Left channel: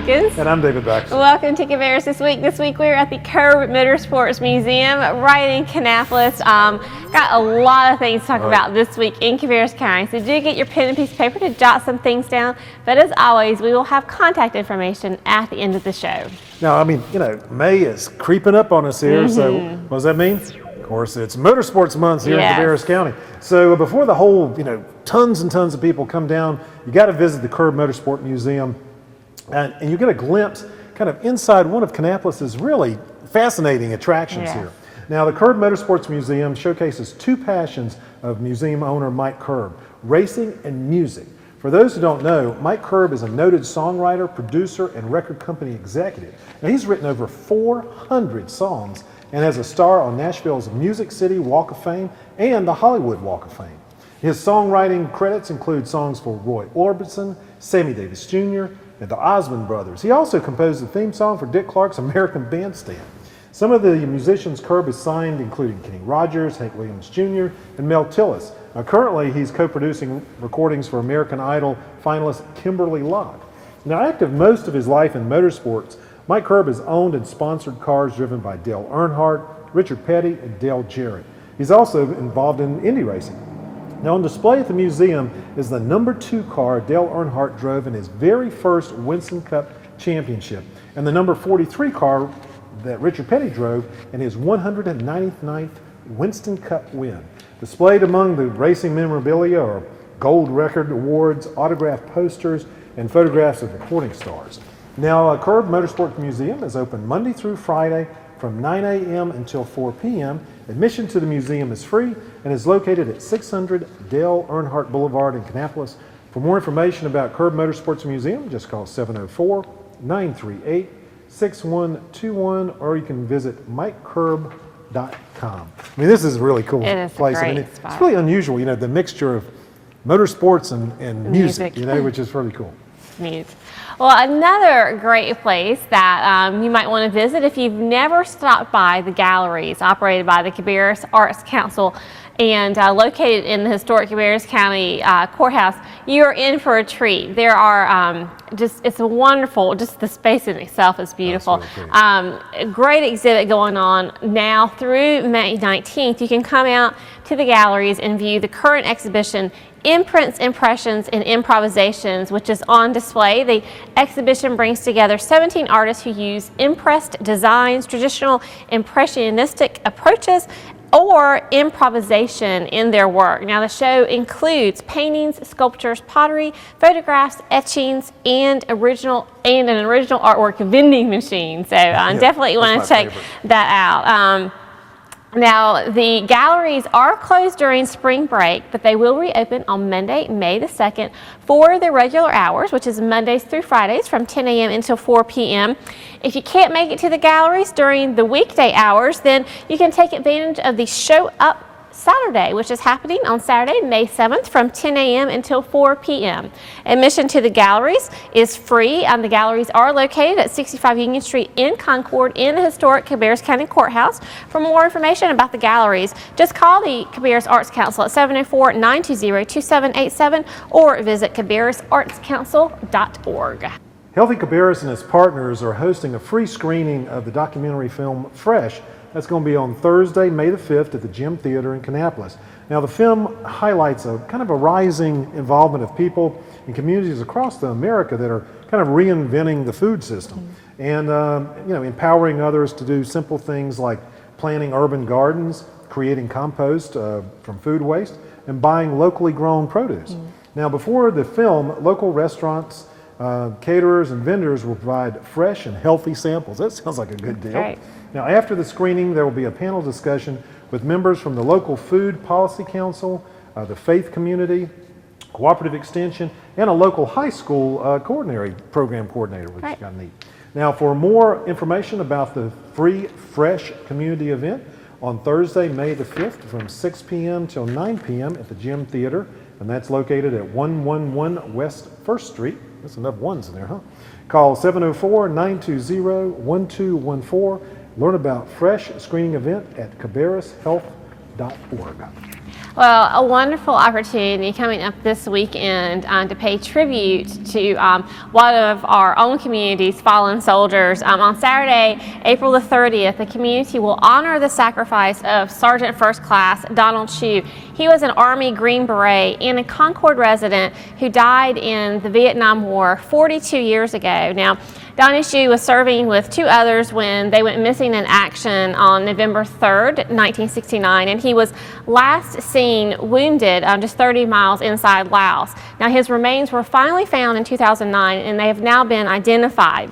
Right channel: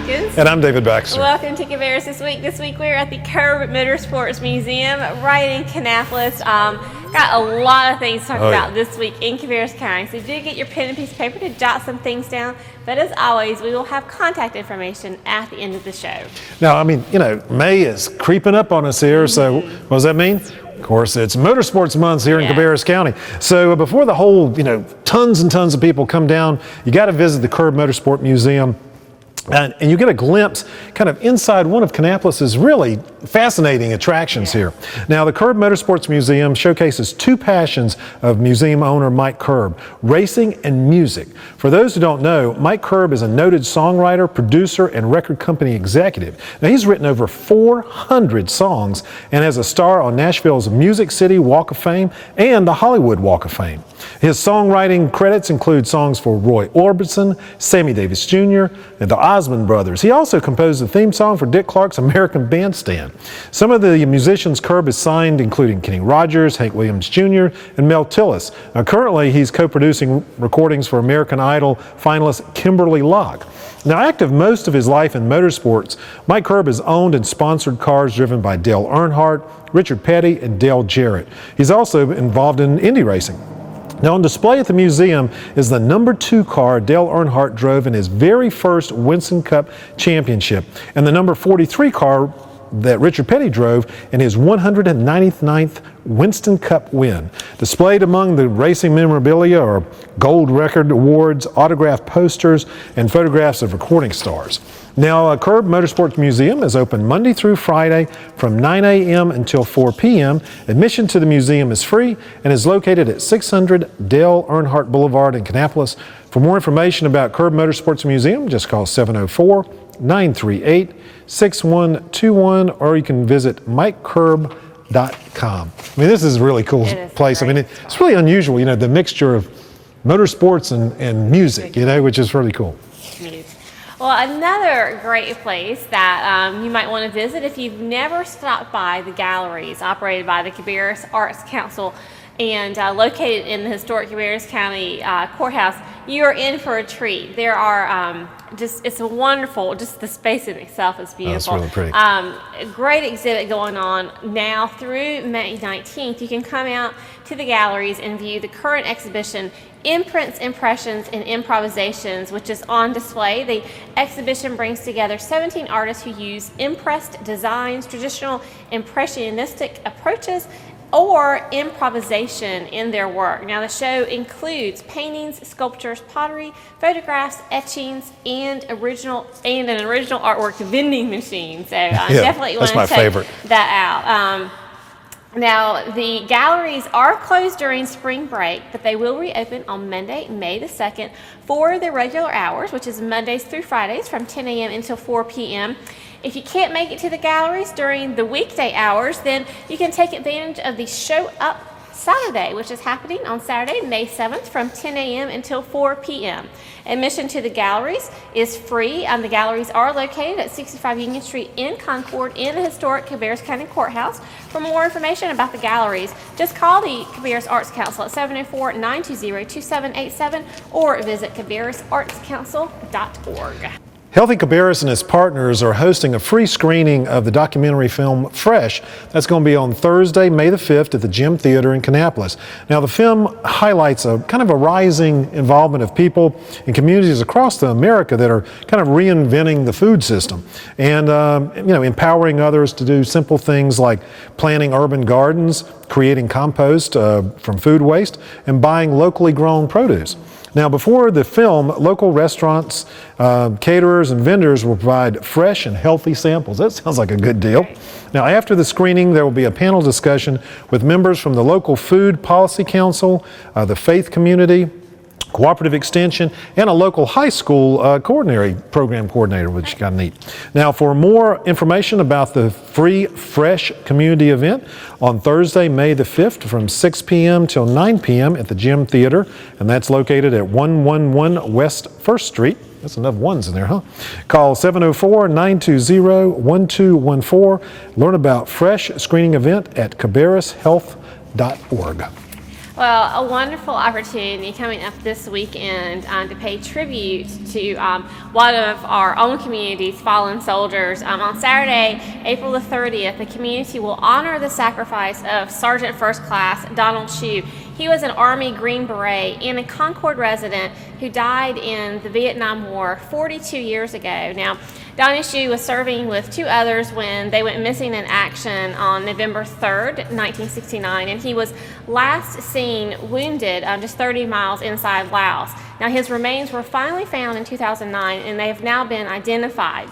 Hawkins. And I'm David Baxter. Welcome to Cabarrus This Week. This week we're at the Curb Motorsports Museum right in Kannapolis. Got a lot of things to talk about this week in Cabarrus County. So do get your pen and piece of paper to jot some things down. But as always, we will have contact information at the end of the show. Now, I mean, May is creeping up on us here. So what does that mean? Of course, it's Motorsports Month here in Cabarrus County. So before the whole, tons and tons of people come down, you got to visit the Curb Motorsport Museum. And you get a glimpse kind of inside one of Kannapolis' really fascinating attractions here. Now, the Curb Motorsports Museum showcases two passions of museum owner Mike Curb, racing and music. For those who don't know, Mike Curb is a noted songwriter, producer, and record company executive. Now, he's written over 400 songs and has a star on Nashville's Music City Walk of Fame and the Hollywood Walk of Fame. His songwriting credits include songs for Roy Orbison, Sammy Davis Jr., and the Osmond Brothers. He also composed the theme song for Dick Clark's American Bandstand. Some of the musicians Curb has signed, including Kenny Rogers, Hank Williams Jr., and Mel Tillis. Now, currently, he's co-producing recordings for American Idol finalist Kimberly Locke. Now, active most of his life in motorsports, Mike Curb has owned and sponsored cars driven by Dale Earnhardt, Richard Petty, and Dale Jarrett. He's also involved in Indy racing. Now, on display at the museum is the number 2 car Dale Earnhardt drove in his very first Winston Cup championship, and the number 43 car that Richard Petty drove in his 199th Winston Cup win. Displayed among the racing memorabilia are gold record awards, autographed posters, and photographs of recording stars. Now, Curb Motorsports Museum is open Monday through Friday from 9 a.m. until 4 p.m. Admission to the museum is free and is located at 600 Dale Earnhardt Boulevard in Kannapolis. For more information about Curb Motorsports Museum, just call 704-938-6121, or you can visit mikecurb.com. I mean, this is a really cool place. I mean, it's really unusual, the mixture of motorsports and music, which is really cool. Well, another great place that you might want to visit if you've never stopped by the galleries operated by the Cabarrus Arts Council and located in the historic Cabarrus County Courthouse, you are in for a treat. There are it's a wonderful, just the space in itself is beautiful. That's really pretty. A great exhibit going on now through May 19th. You can come out to the galleries and view the current exhibition, Imprints, Impressions, and Improvisations, which is on display. The exhibition brings together 17 artists who use impressed designs, traditional impressionistic approaches, or improvisation in their work. Now, the show includes paintings, sculptures, pottery, photographs, etchings, and an original artwork vending machine. So definitely want to check that out. Now, the galleries are closed during spring break, but they will reopen on Monday, May the 2nd for the regular hours, which is Mondays through Fridays from 10 a.m. until 4 p.m. If you can't make it to the galleries during the weekday hours, then you can take advantage of the Show Up Saturday, which is happening on Saturday, May 7th from 10 a.m. until 4 p.m. Admission to the galleries is free. The galleries are located at 65 Union Street in Concord in the historic Cabarrus County Courthouse. For more information about the galleries, just call the Cabarrus Arts Council at 704-920-2787 or visit cabarrusartscouncil.org. Healthy Cabarrus and its partners are hosting a free screening of the documentary film Fresh. That's going to be on Thursday, May the 5th at the Gym Theater in Kannapolis. Now, the film highlights a kind of a rising involvement of people in communities across America that are kind of reinventing the food system and, empowering others to do simple things like planting urban gardens, creating compost from food waste, and buying locally grown produce. Now, before the film, local restaurants, caterers, and vendors will provide fresh and healthy samples. That sounds like a good deal. Right. Now, after the screening, there will be a panel discussion with members from the local Food Policy Council, the faith community, Cooperative Extension, and a local high school program coordinator, which is kind of neat. Now, for more information about the free Fresh community event on Thursday, May the 5th from 6 p.m. till 9 p.m. at the Gym Theater, and that's located at 111 West 1st Street. That's enough ones in there, huh? Call 704-920-1214. Learn about Fresh screening event at cabarrushealth.org. Well, a wonderful opportunity coming up this weekend to pay tribute to one of our own community's fallen soldiers. On Saturday, April the 30th, the community will honor the sacrifice of Sergeant First Class Donald Chu. He was an Army Green Beret and a Concord resident who died in the Vietnam War 42 years ago. Now, Donnie Chu was serving with two others when they went missing in action on November 3rd, 1969, and he was last seen wounded just 30 miles inside Laos. Now, his remains were finally found in 2009, and they have now been identified.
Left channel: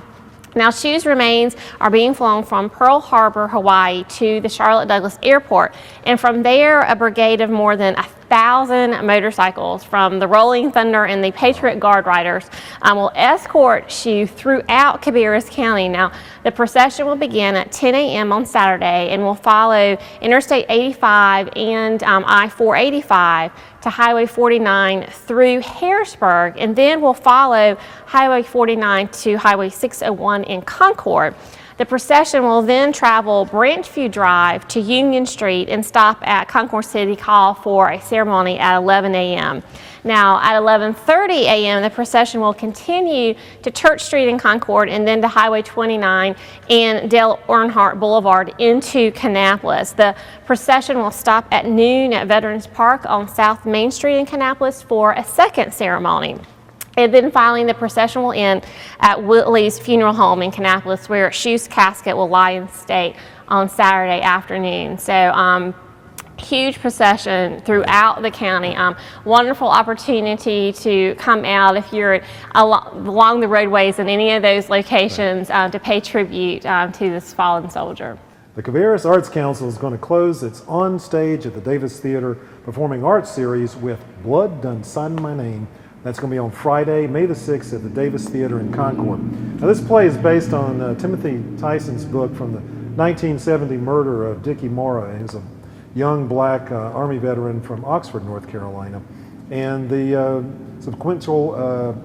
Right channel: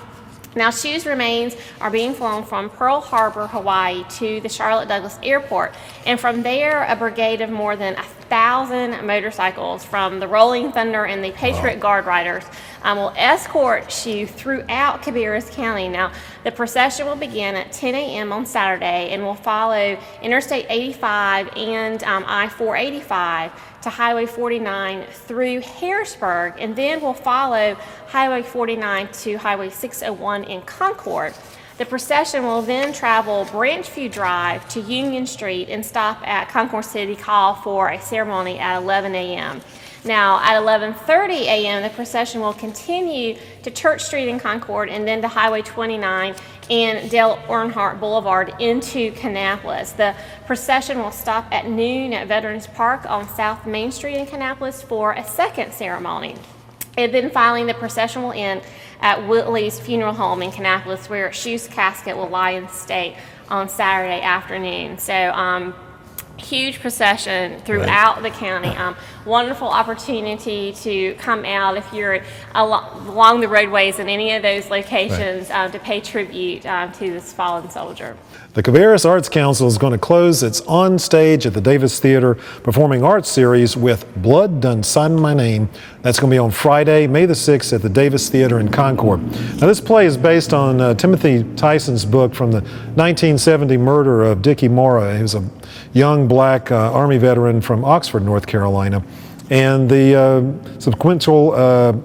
Now, Chu's remains are being flown from Pearl Harbor, Hawaii to the Charlotte Douglas Airport. And from there, a brigade of more than 1,000 motorcycles from the Rolling Thunder and the Patriot Guard Riders will escort Chu throughout Cabarrus County. Now, the procession will begin at 10 a.m. on Saturday and will follow Interstate 85 and I-485 to Highway 49 through Harrisburg, and then will follow Highway 49 to Highway 601 in Concord. The procession will then travel Branchview Drive to Union Street and stop at Concord City Hall for a ceremony at 11 a.m. Now, at 11:30 a.m., the procession will continue to Church Street in Concord and then to Highway 29 and Dale Earnhardt Boulevard into Kannapolis. The procession will stop at noon at Veterans Park on South Main Street in Kannapolis for a second ceremony. And then finally, the procession will end at Whitley's Funeral Home in Kannapolis, where Chu's casket will lie in state on Saturday afternoon. So, huge procession throughout the county. Wonderful opportunity to come out if you're along the roadways in any of those locations to pay tribute to this fallen soldier. The Cabarrus Arts Council is going to close its On Stage at the Davis Theater Performing Arts series with Blood Done Sign My Name. That's going to be on Friday, May the 6th at the Davis Theater in Concord. Now, this play is based on Timothy Tyson's book from the 1970 murder of Dickie Mora, who's a young black Army veteran from Oxford, North Carolina, and the sequential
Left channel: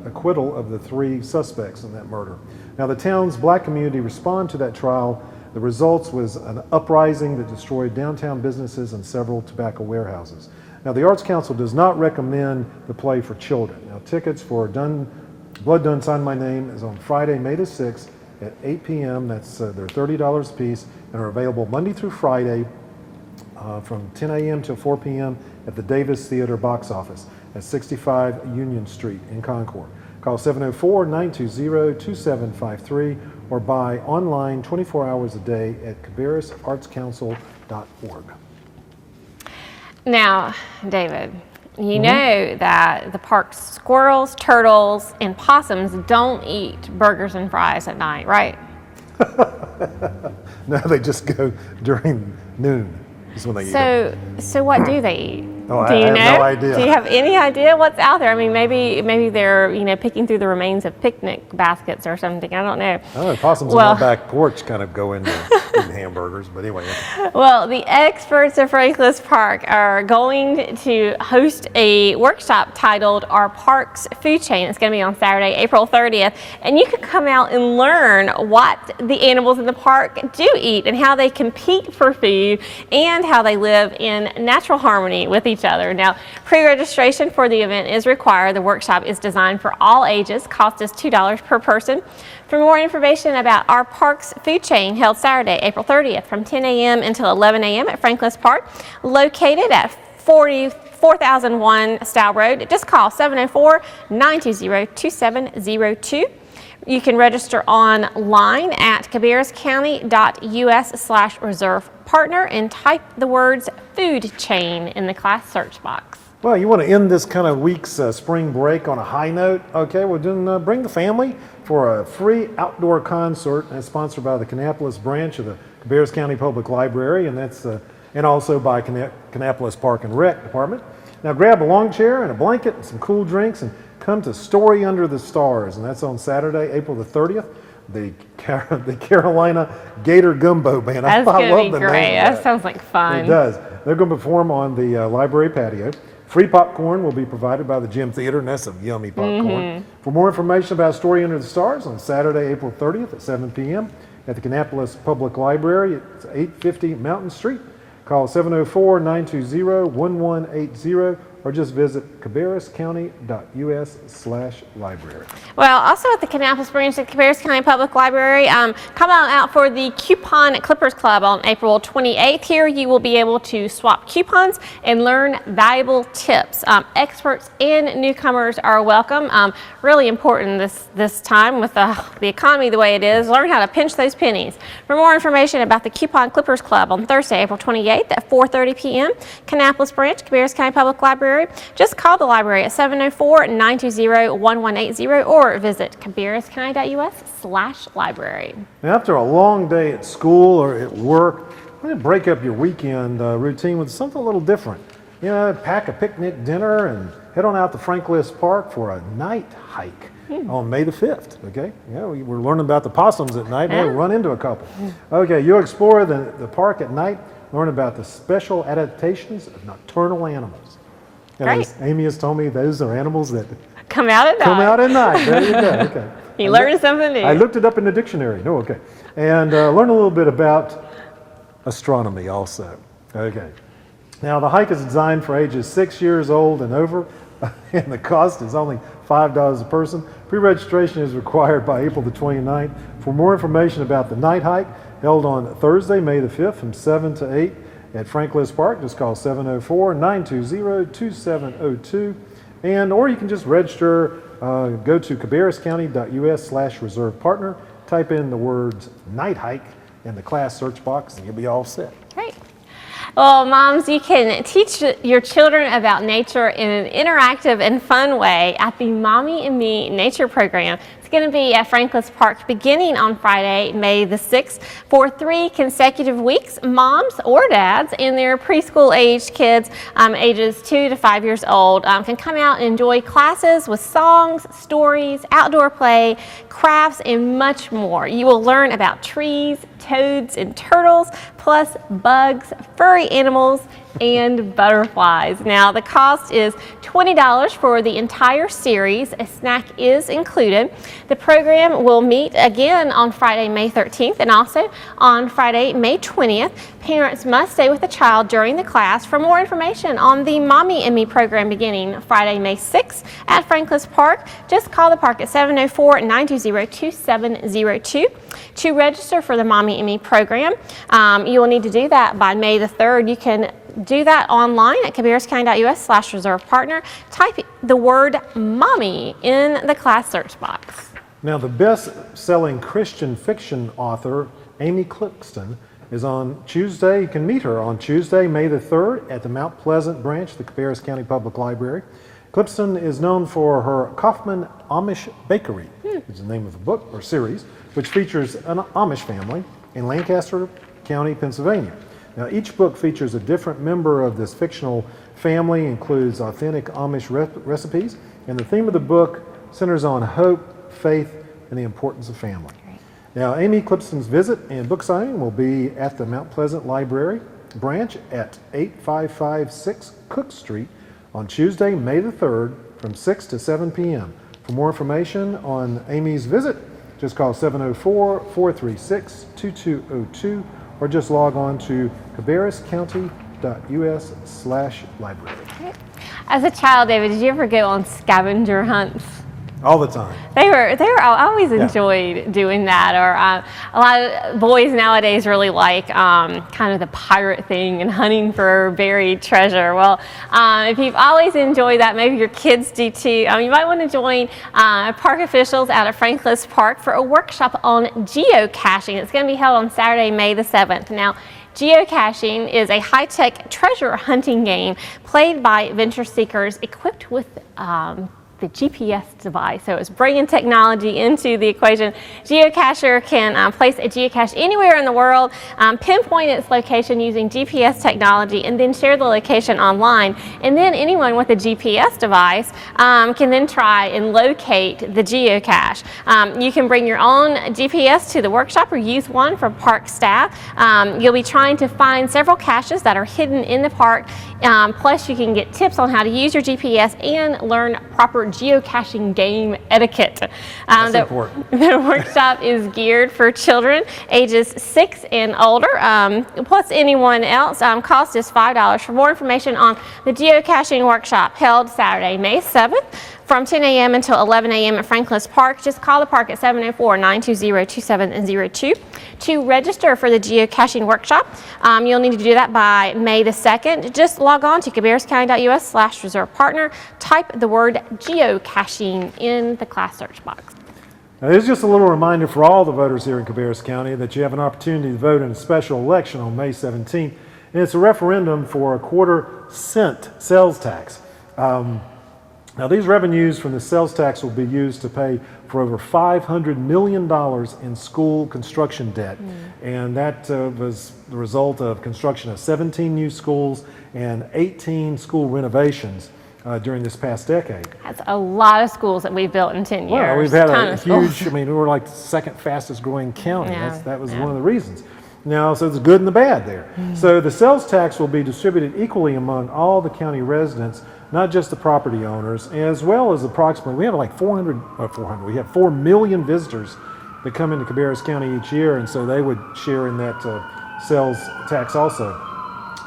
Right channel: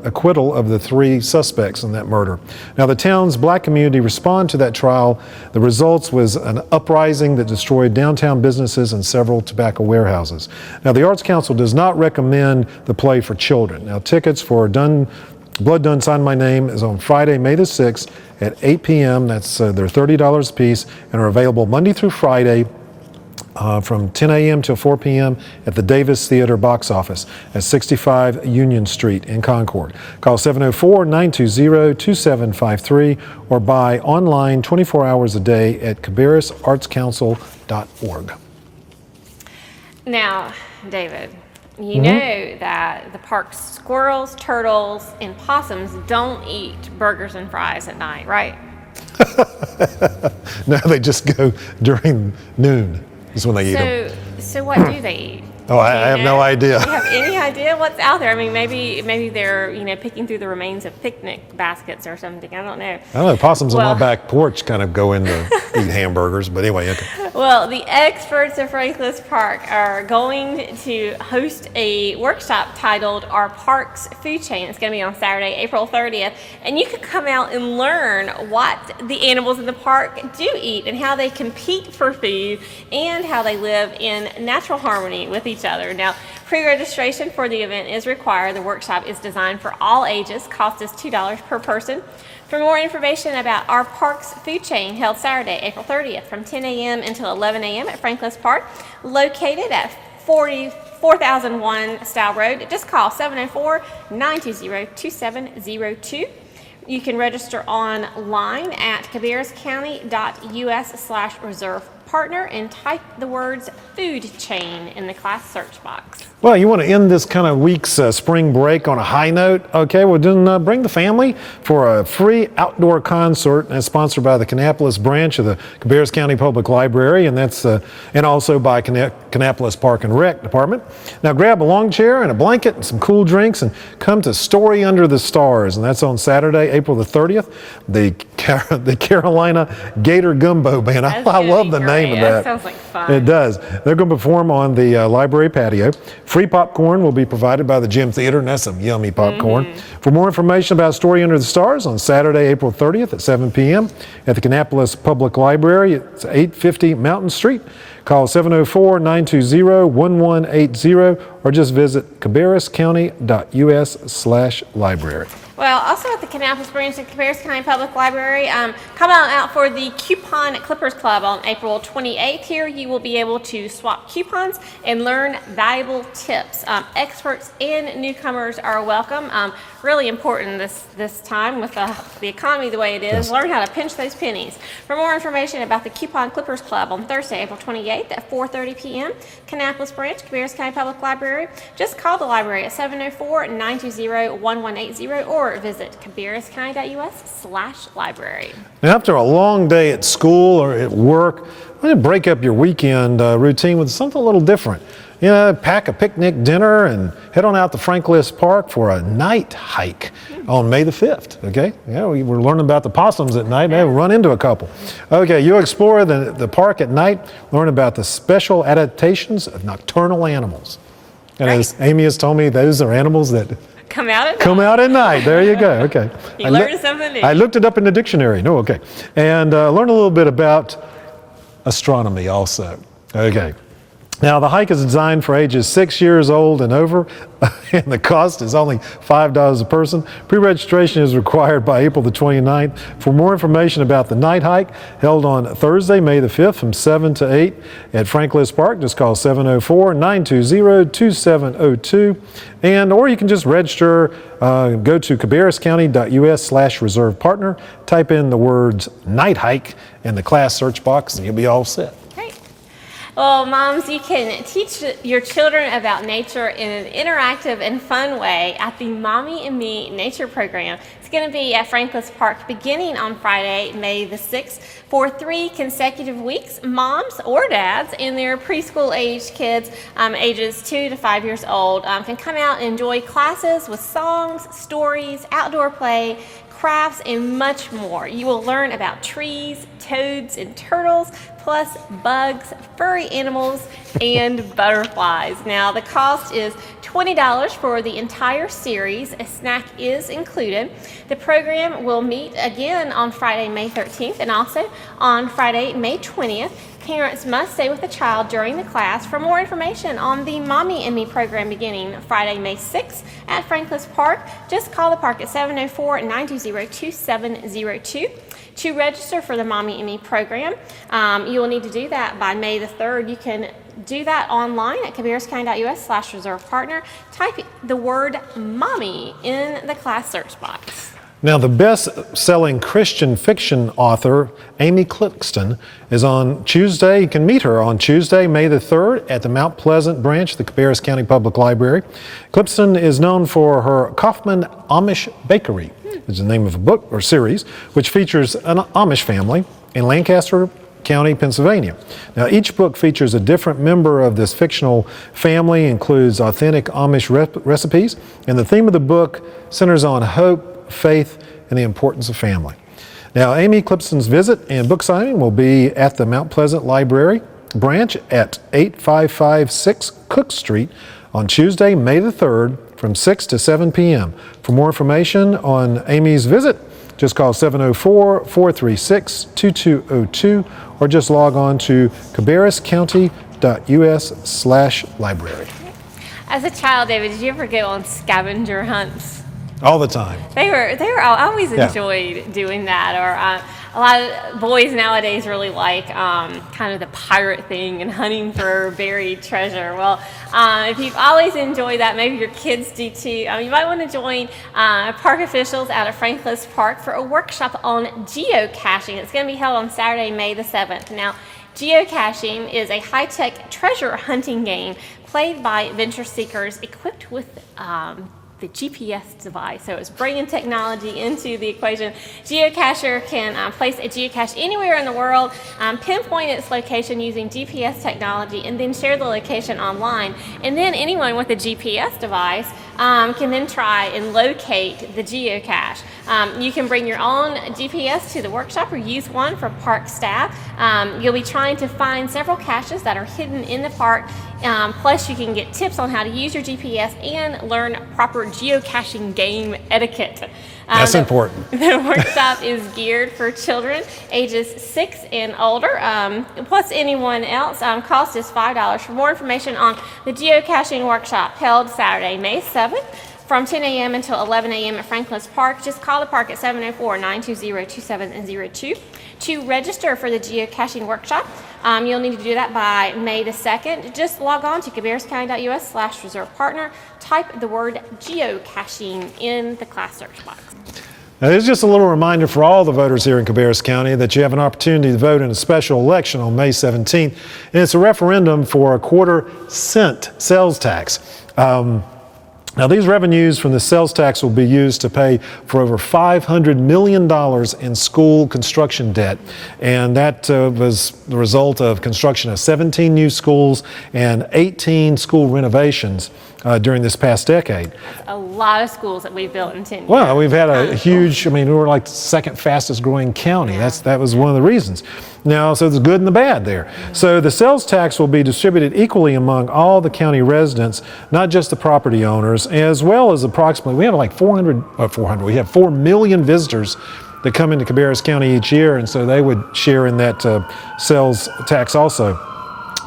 acquittal of the three suspects in that murder. Now, the town's black community responded to that trial. The results was an uprising that destroyed downtown businesses and several tobacco warehouses. Now, the Arts Council does not recommend the play for children. Now, tickets for Blood Done Sign My Name is on Friday, May the 6th at 8 p.m. That's they're $30 a piece and are available Monday through Friday from 10 a.m. till 4 p.m. at the Davis Theater box office at 65 Union Street in Concord. Call 704-920-2753 or buy online 24 hours a day at cabarrusartscouncil.org. Now, David, you know that the park's squirrels, turtles, and possums don't eat burgers and fries at night, right? Now they just go during noon. Is when they eat them. So what do they eat? Oh, I have no idea. Do you have any idea what's out there? I mean, maybe they're picking through the remains of picnic baskets or something. I don't know. I don't know. Possums on the back porch kind of go in to eat hamburgers, but anyway. Okay. Well, the experts at Franklin Park are going to host a workshop titled "Our Park's Food Chain." It's going to be on Saturday, April 30th, and you can come out and learn what the animals in the park do eat and how they compete for food and how they live in natural harmony with each other. Now, pre-registration for the event is required. The workshop is designed for all ages. Cost is $2 per person. For more information about our park's food chain, held Saturday, April 30th from 10 a.m. until 11 a.m. at Franklin Park, located at 4001 Style Road, just call 704-920-2702. You can register online at cabarruscounty.us/reserve partner and type the words food chain in the class search box. Well, you want to end this kind of week's spring break on a high note? Okay, well then bring the family for a free outdoor concert that's sponsored by the Kannapolis branch of the Cabarrus County Public Library, and that's and also by Kannapolis Park and Rec Department. Now grab a long chair and a blanket and some cool drinks and come to Story Under the Stars, and that's on Saturday, April the 30th. The Carolina Gator Gumbo Band. I love the name of that. That sounds like fun. It does. They're going to perform on the library patio. Free popcorn will be provided by the Gym Theater, and that's some yummy popcorn. For more information about Story Under the Stars on Saturday, April 30th at 7 p.m. at the Kannapolis Public Library, it's 850 Mountain Street. Call 704-920-1180 or just visit cabarruscounty.us/library. Well, also at the Kannapolis branch at Cabarrus County Public Library, come out for the Coupon Clippers Club on April 28th. Here you will be able to swap coupons and learn valuable tips. Experts and newcomers are welcome. Really important this time with the economy the way it is. Learn how to pinch those pennies. For more information about the Coupon Clippers Club on Thursday, April 28th at 4:30 p.m., Kannapolis branch, Cabarrus County Public Library, just call the library at 704-920-1180 or visit cabarruscounty.us/library. Now, after a long day at school or at work, why don't you break up your weekend routine with something a little different? You know, pack a picnic dinner and head on out to Franklin Park for a night hike on May the 5th, okay? Yeah, we're learning about the possums at night. We'll run into a couple. Okay, you explore the park at night, learn about the special adaptations of nocturnal animals. And as Amy has told me, those are animals that come out at night. Come out at night. There you go. Okay. You learned something new. I looked it up in the dictionary. No, okay. And learned a little bit about astronomy also. Okay. Now, the hike is designed for ages 6 years old and over, and the cost is only $5 a person. Pre-registration is required by April the 29th. For more information about the night hike, held on Thursday, May the 5th from 7 to 8 at Franklin Park, just call 704-920-2702. Or you can just register, go to cabarruscounty.us/reserve partner, type in the words night hike in the class search box, and you'll be all set. Well, moms, you can teach your children about nature in an interactive and fun way at the Mommy and Me Nature Program. It's going to be at Franklin Park beginning on Friday, May the 6th. For 3 consecutive weeks, moms or dads and their preschool-aged kids, ages 2 to 5 years old, can come out and enjoy classes with songs, stories, outdoor play, crafts, and much more. You will learn about trees, toads, and turtles, plus bugs, furry animals, and butterflies. Now, the cost is $20 for the entire series. A snack is included. The program will meet again on Friday, May 13th, and also on Friday, May 20th. Parents must stay with the child during the class. For more information on the Mommy and Me program beginning Friday, May 6th at Franklin Park, just call the park at 704-920-2702. To register for the Mommy and Me program, you will need to do that by May the 3rd. You can do that online at cabarruscounty.us/reserve partner. Type the word mommy in the class search box. Now, the best-selling Christian fiction author, Amy Clixton, is on Tuesday. You can meet her on Tuesday, May the 3rd at the Mount Pleasant branch of the Cabarrus County Public Library. Clixton is known for her Kaufman Amish Bakery, is the name of a book or series, which features an Amish family in Lancaster County, Pennsylvania. Now, each book features a different member of this fictional family, includes authentic Amish recipes, and the theme of the book centers on hope, faith, and the importance of family. Now, Amy Clixton's visit and book signing will be at the Mount Pleasant Library branch at 8556 Cook Street on Tuesday, May the 3rd from 6 to 7 p.m. For more information on Amy's visit, just call 704-436-2202 or just log on to cabarruscounty.us/library. As a child, David, did you ever go on scavenger hunts? All the time. They were. I always enjoyed doing that. Or a lot of boys nowadays really like kind of the pirate thing and hunting for buried treasure. Well, if you've always enjoyed that, maybe your kids do too. You might want to join park officials out at Franklin Park for a workshop on geocaching. It's going to be held on Saturday, May the 7th. Now, geocaching is a high-tech treasure hunting game played by venture seekers equipped with the GPS device. So it's bringing technology into the equation. Geocacher can place a geocache anywhere in the world, pinpoint its location using GPS technology, and then share the location online. And then anyone with a GPS device can then try and locate the geocache. You can bring your own GPS to the workshop or use one from park staff. You'll be trying to find several caches that are hidden in the park. Plus, you can get tips on how to use your GPS and learn proper geocaching game etiquette. That's important. The workshop is geared for children ages 6 and older, plus anyone else. Cost is $5. For more information on the geocaching workshop held Saturday, May 7th, from 10 a.m. until 11 a.m. at Franklin's Park, just call the park at 704-920-2702 to register for the geocaching workshop. You'll need to do that by May the 2nd. Just log on to cabarruscounty.us/reserve partner. Type the word geocaching in the class search box. Now, here's just a little reminder for all the voters here in Cabarrus County that you have an opportunity to vote in a special election on May 17th, and it's a referendum for a 1/4 cent sales tax. Now, these revenues from the sales tax will be used to pay for over $500 million in school construction debt. And that was the result of construction of 17 new schools and 18 school renovations during this past decade. That's a lot of schools that we've built in 10 years. Well, we've had a huge, I mean, we were like the second fastest growing county. Yeah. That was one of the reasons. Now, so there's good and the bad there. So the sales tax will be distributed equally among all the county residents, not just the property owners, as well as approximately, we have like 4 million visitors that come into Cabarrus County each year, and so they would share in that sales tax also.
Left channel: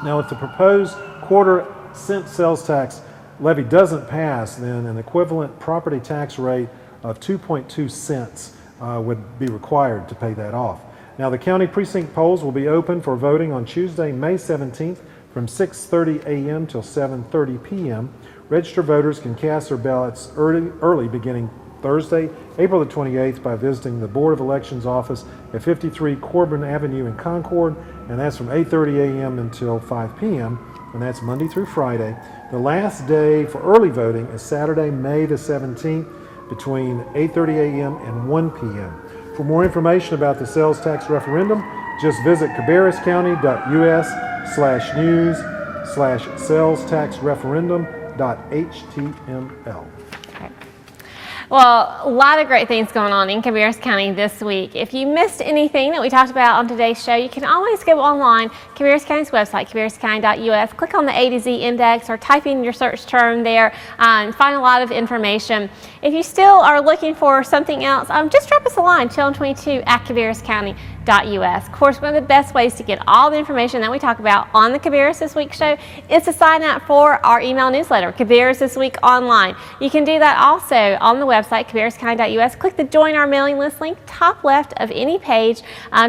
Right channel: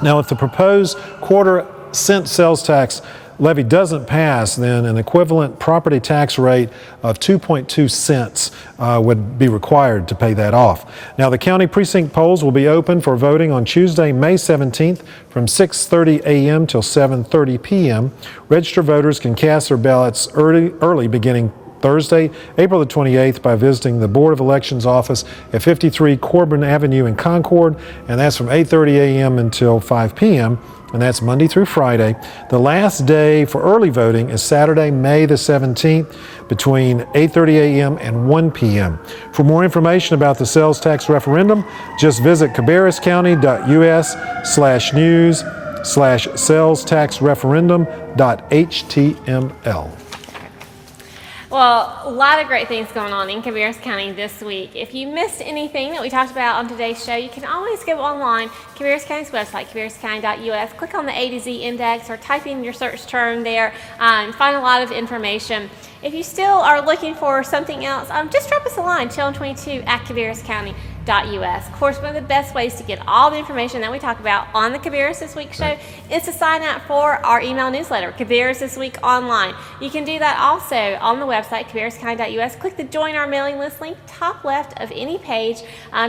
Now, if the proposed 1/4 cent sales tax levy doesn't pass, then an equivalent property tax rate of 2.2 cents would be required to pay that off. Now, the county precinct polls will be open for voting on Tuesday, May 17th from 6:30 a.m. till 7:30 p.m. Registered voters can cast their ballots early beginning Thursday, April the 28th by visiting the Board of Elections office at 53 Corbin Avenue in Concord, and that's from 8:30 a.m. until 5 p.m., and that's Monday through Friday. The last day for early voting is Saturday, May the 17th, between 8:30 a.m. and 1 p.m. For more information about the sales tax referendum, just visit cabarruscounty.us/news/salestaxreferendum.html. Well, a lot of great things going on in Cabarrus County this week. If you missed anything that we talked about on today's show, you can always go online, Cabarrus County's website, cabarruscounty.us, click on the A to Z index or type in your search term there and find a lot of information. If you still are looking for something else, just drop us a line, chillin22@cabarruscounty.us. Of course, one of the best ways to get all the information that we talk about on the Cabarrus This Week show is to sign up for our email newsletter, Cabarrus This Week Online. You can do that also on the website, cabarruscounty.us. Click the Join Our Mailing List link, top left of any page.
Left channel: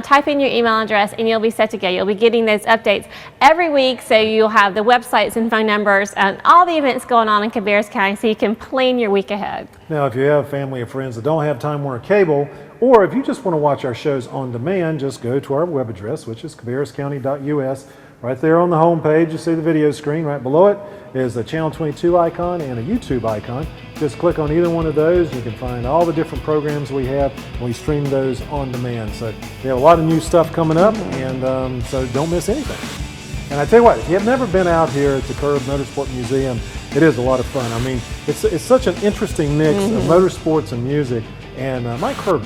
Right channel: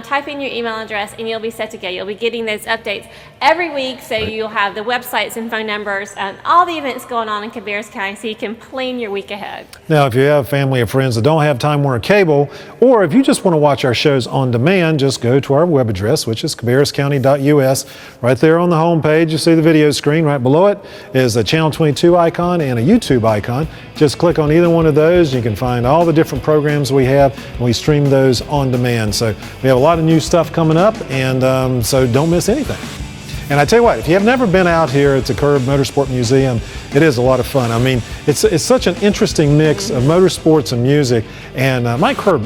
Type in your email address and you'll be set to go. You'll be getting those updates every week, so you'll have the websites and phone numbers and all the events going on in Cabarrus County so you can plan your week ahead. Now, if you have family or friends that don't have Time Warner Cable, or if you just want to watch our shows on demand, just go to our web address, which is cabarruscounty.us. Right there on the home page, you see the video screen. Right below it is a Channel 22 icon and a YouTube icon. Just click on either one of those. You can find all the different programs we have, and we stream those on demand. So we have a lot of new stuff coming up, and so don't miss anything. And I tell you what, if you have never been out here at the Curb Motorsport Museum, it is a lot of fun. I mean, it's such an interesting mix of motorsports and music. And Mike Curb,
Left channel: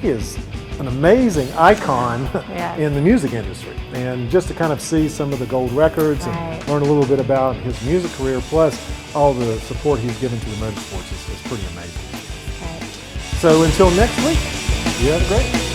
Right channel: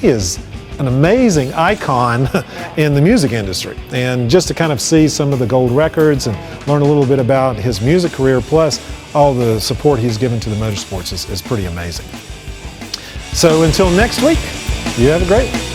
he is an amazing icon in the music industry. And just to kind of see some of the gold records and learn a little bit about his music career, plus all the support he's given to the motorsports is pretty amazing. So until next week, you have a great one.